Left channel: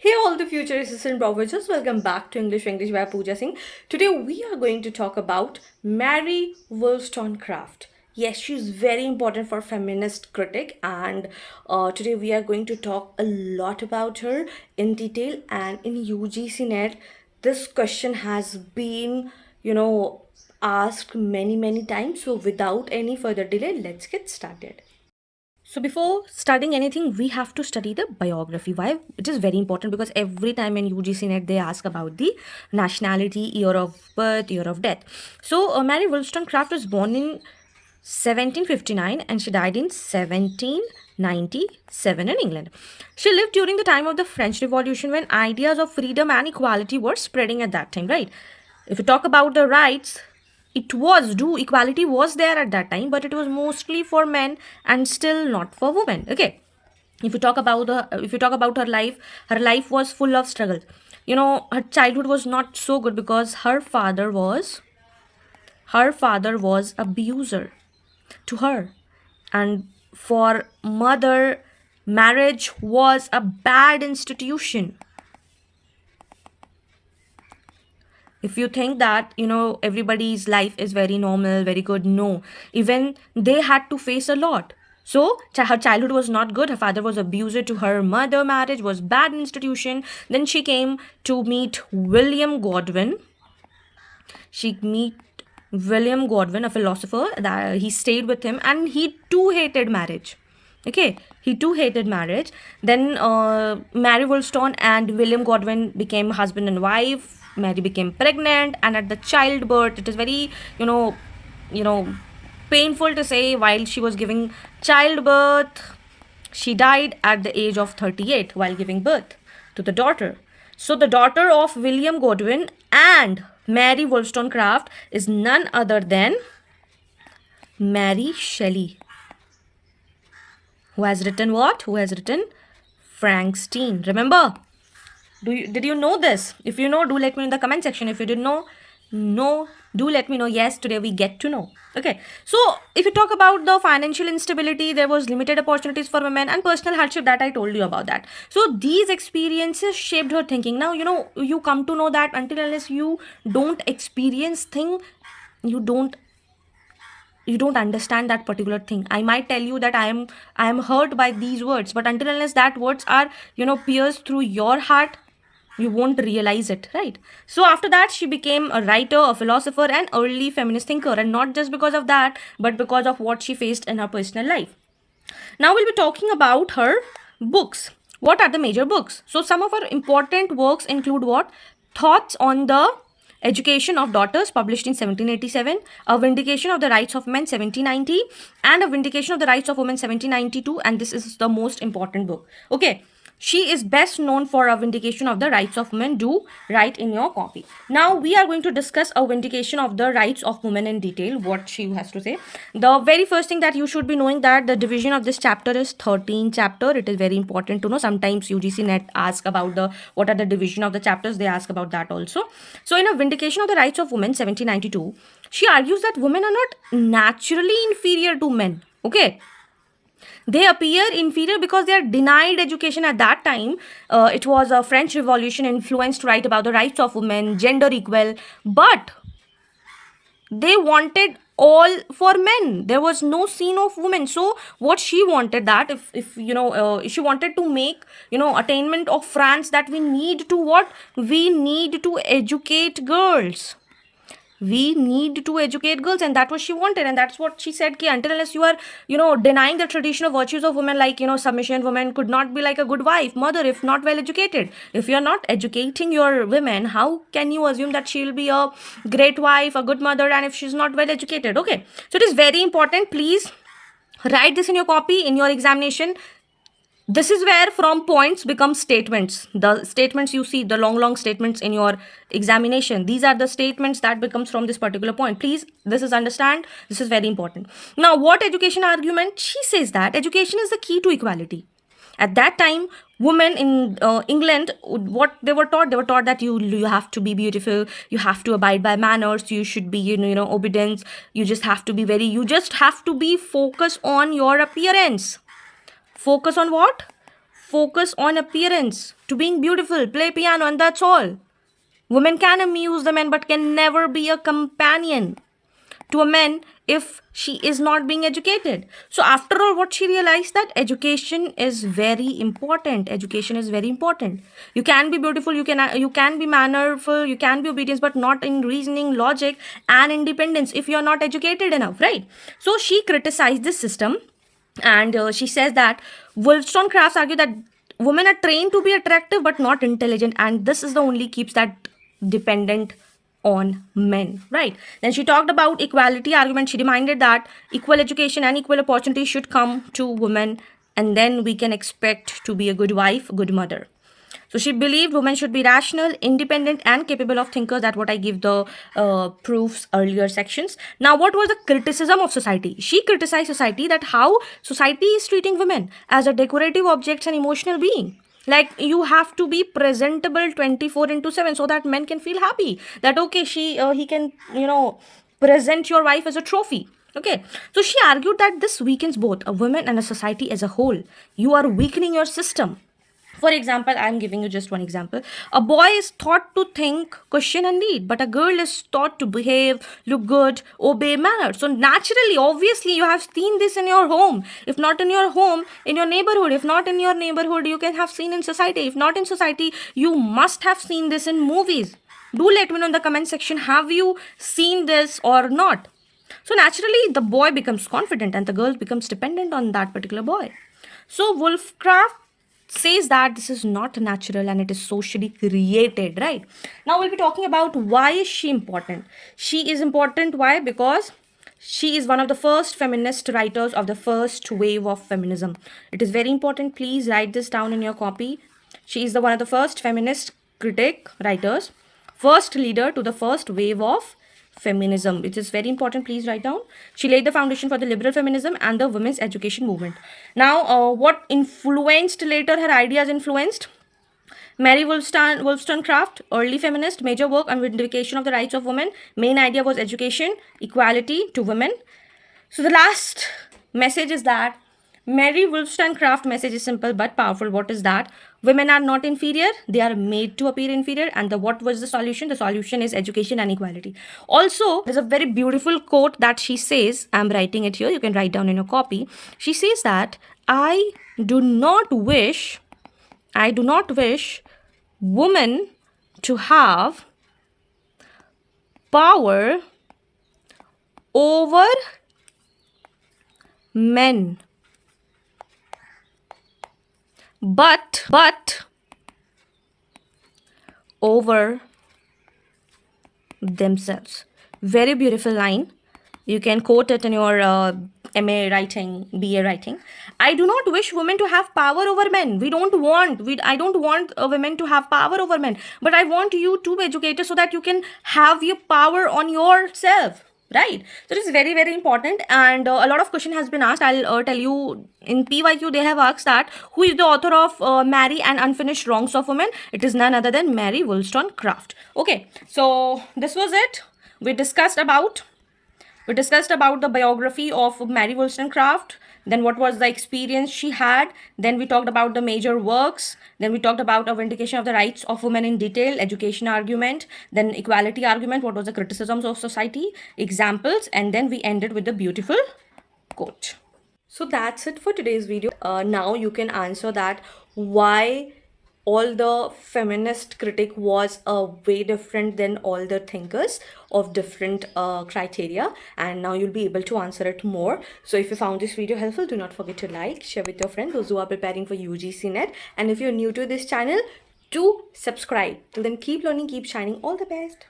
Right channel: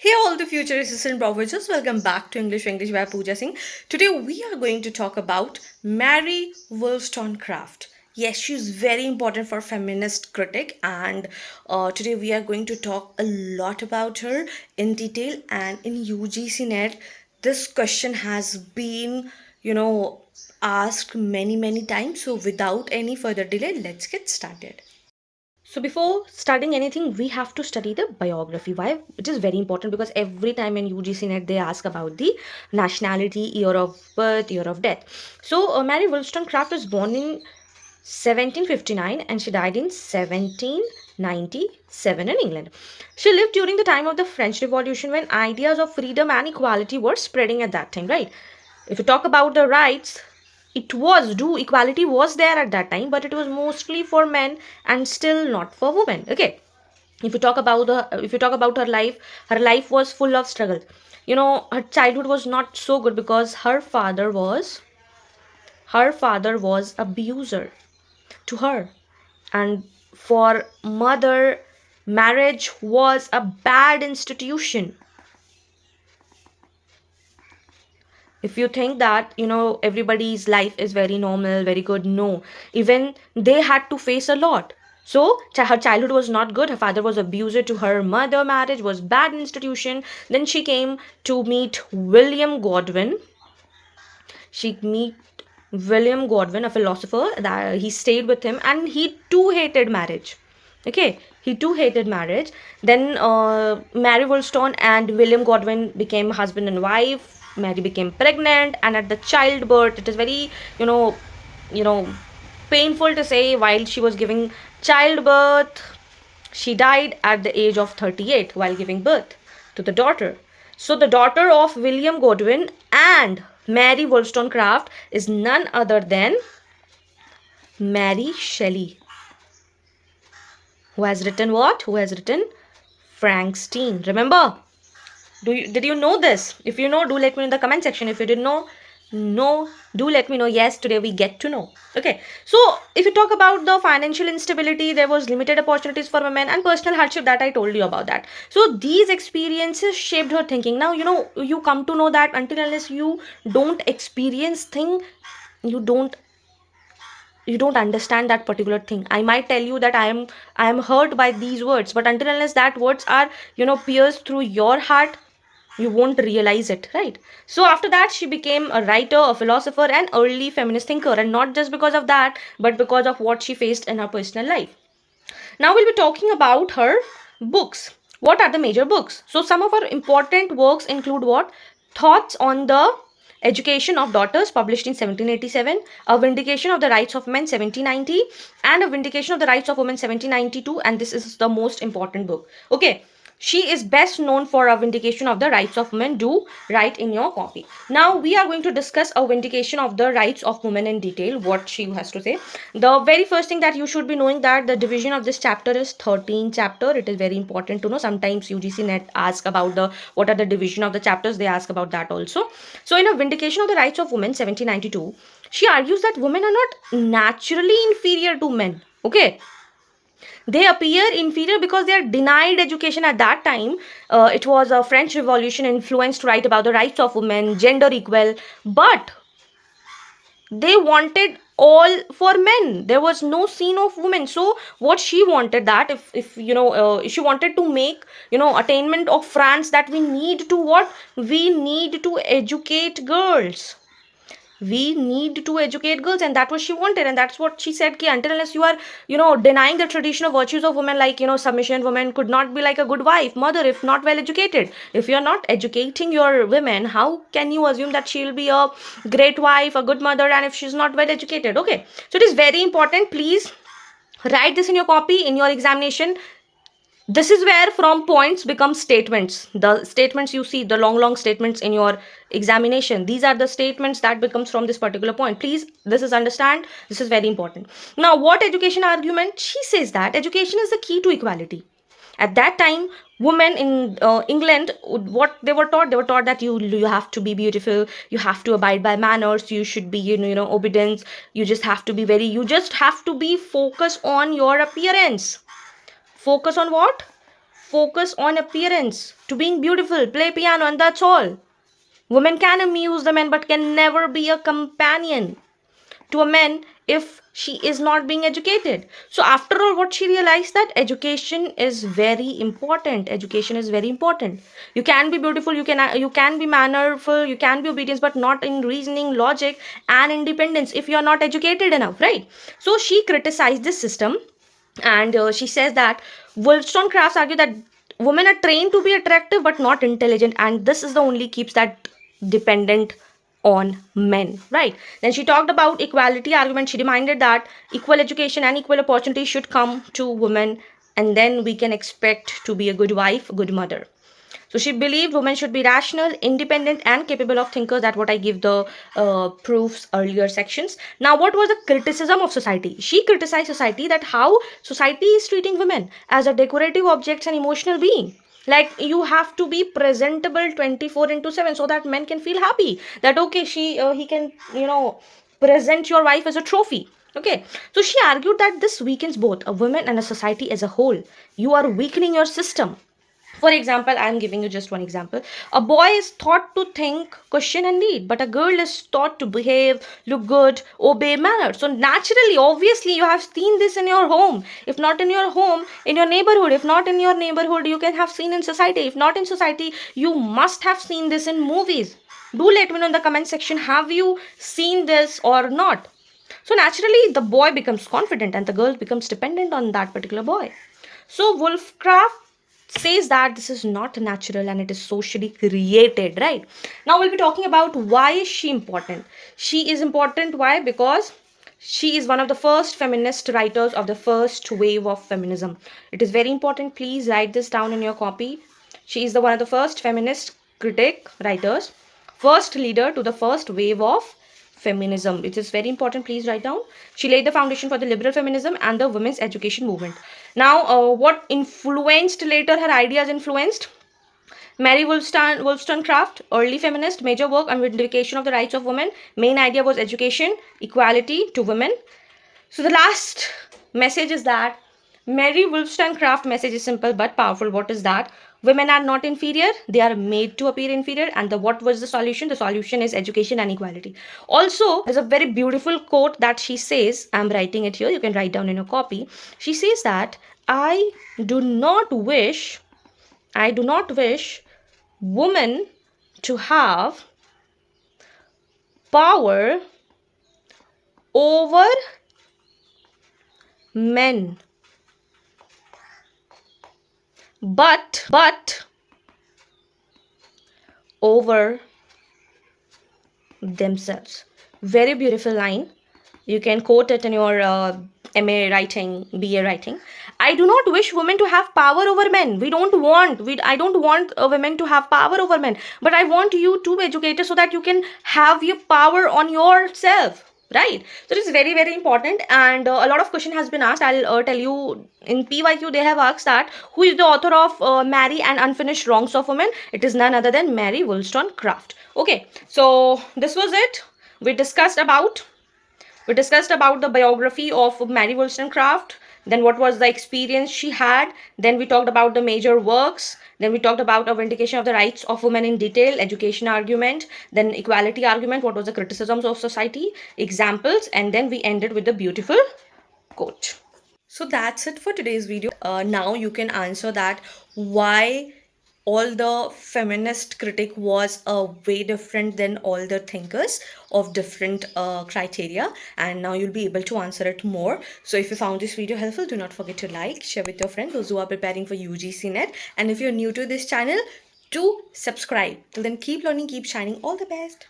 Hey all the future assistant professors, welcome back to English Winglish by Pooja Singh. Today we are going to talk about Mary Wollstonecraft. Yes, she's very important for feminist critic and today we are going to talk a lot about her in detail and in UGC NET. This question has been, asked many times. So without any further delay, let's get started. So before studying anything, we have to study the biography. Why? It is very important because every time in UGC NET they ask about the nationality, year of birth, year of death. So Mary Wollstonecraft was born in 1759 and she died in 1797 in England. She lived during the time of the French Revolution when ideas of freedom and equality were spreading at that time, right? If you talk about the rights, equality was there at that time, but it was mostly for men and still not for women. Okay, if you talk about her life was full of struggle. Her childhood was not so good because her father was abuser to her, and for mother, marriage was a bad institution. If you think that everybody's life is very normal, very good, no, even they had to face a lot. So her childhood was not good, her father was abusive to her, mother, marriage was bad institution. Then she came to meet William Godwin. She meet William Godwin, a philosopher, that he stayed with him and he too hated marriage. Okay, he too hated marriage. Then Mary Wollstone and William Godwin became husband and wife. Mary became pregnant, and at the childbirth, it is very, you know, painful to say, while she was giving childbirth, she died at the age of 38 while giving birth to the daughter. So, the daughter of William Godwin and Mary Wollstonecraft is none other than Mary Shelley. Who has written what? Who has written Frankenstein? Remember? Did you know this? If you know, do let me know in the comment section. If you didn't know, no, do let me know. Yes, today we get to know. Okay, so if you talk about the financial instability, there was limited opportunities for women and personal hardship, that I told you about that. So these experiences shaped her thinking. Now you come to know that until unless you don't experience thing, you don't understand that particular thing. I might tell you that I am hurt by these words, but until unless that words are pierced through your heart, you won't realize it, right? So after that, she became a writer, a philosopher, and early feminist thinker, and not just because of that, but because of what she faced in her personal life. Now we'll be talking about her books. What are the major books? So some of her important works include what? Thoughts on the Education of Daughters, published in 1787, A Vindication of the Rights of Men, 1790, and A Vindication of the Rights of Women, 1792, and this is the most important book. Okay, she is best known for A Vindication of the Rights of Women. Do write in your copy. Now we are going to discuss A Vindication of the Rights of Women in detail, what she has to say. The very first thing that you should be knowing that the division of this chapter is 13 chapter. It is very important to know. Sometimes UGC NET ask about the what are the division of the chapters. They ask about that also. So in A Vindication of the Rights of Women, 1792, she argues that women are not naturally inferior to men. Okay, they appear inferior because they are denied education at that time. It was a French Revolution influenced right about the rights of women, gender equal, but they wanted all for men. There was no scene of women. So what she wanted, that if she wanted to make attainment of France, that we need to what? We need to educate girls. We need to educate girls, and that's what she wanted, and that's what she said, ki until unless you are denying the traditional virtues of women, like submission, women could not be like a good wife, mother, if not well educated. If you are not educating your women, how can you assume that she will be a great wife, a good mother, and if she's not well educated? Okay, so it is very important. Please write this in your copy in your examination. This is where from points become statements. The statements you see, the long statements in your examination, these are the statements that becomes from this particular point. Please, this is understand, this is very important. Now, what education argument? She says that education is the key to equality. At that time, women in England, what they were taught? They were taught that you have to be beautiful, you have to abide by manners, you should be obedience, you just have to be focused on your appearance. Focus on what? focus on appearance, to being beautiful, play piano, and that's all. Women can amuse the men but can never be a companion to a man if she is not being educated. So after all, what she realized, that education is very important. Education is very important. You can be beautiful, you can be mannerful, you can be obedient, but not in reasoning, logic, and independence if you are not educated enough, right? So she criticized this system, and she says that Wollstonecraft argued that women are trained to be attractive but not intelligent, and this is the only keeps that dependent on men, right? Then she talked about equality argument. She demanded that equal education and equal opportunity should come to women, and then we can expect to be a good wife, good mother. So she believed women should be rational, independent, and capable of thinkers. That's what I give the proofs earlier sections. Now, what was the criticism of society? She criticized society, that how society is treating women as a decorative objects and emotional being. Like, you have to be presentable 24 into 7 so that men can feel happy that okay, he can present your wife as a trophy. Okay, so she argued that this weakens both a woman and a society as a whole. You are weakening your system. For example, I'm giving you just one example. A boy is taught to think, question, and lead, but a girl is taught to behave, look good, obey manners. So naturally, obviously, you have seen this in your home. If not in your home, in your neighborhood. If not in your neighborhood, you can have seen in society. If not in society, you must have seen this in movies. Do let me know in the comment section, have you seen this or not? So naturally, the boy becomes confident and the girl becomes dependent on that particular boy. So Wollstonecraft says that this is not natural and it is socially created, right? Now we'll be talking about why is she important. She is important, why? Because she is one of the first feminist writers of the first wave of feminism. It is very important, please write this down in your copy. She is one of the first feminist critic writers, first leader to the first wave of feminism. It is very important, please write down. She laid the foundation for the liberal feminism and the women's education movement. Now, what influenced later, her ideas influenced? Mary Wollstonecraft, early feminist, major work on vindication of the rights of women. Main idea was education, equality to women. So the last message is that Mary Wollstonecraft message is simple but powerful. What is that? Women are not inferior, they are made to appear inferior. And what was the solution? The solution is education and equality. Also, there's a very beautiful quote that she says, I'm writing it here, you can write down in your copy. She says that I do not wish women to have power over men, but over themselves. Very beautiful line. You can quote it in your MA writing, BA writing. I do not wish women to have power over men. I don't want women to have power over men, but I want you to be educated so that you can have your power on yourself. Right, so this is very, very important, and a lot of question has been asked. I'll tell you in PYQ they have asked that who is the author of Mary and Unfinished Wrongs of Women. It is none other than Mary Wollstonecraft. Okay, so this was it. We discussed about the biography of Mary Wollstonecraft, then what was the experience she had, then we talked about the major works, then we talked about A Vindication of the Rights of Women in detail, education argument, then equality argument, what was the criticisms of society, examples, and then we ended with the beautiful quote. So that's it for today's video. Now you can answer that why all the feminist critic was way different than all the thinkers of different criteria, and now you'll be able to answer it more. So if you found this video helpful, do not forget to like, share with your friends, those who are preparing for UGC NET, and if you're new to this channel, do subscribe. Till then, keep learning, keep shining. All the best.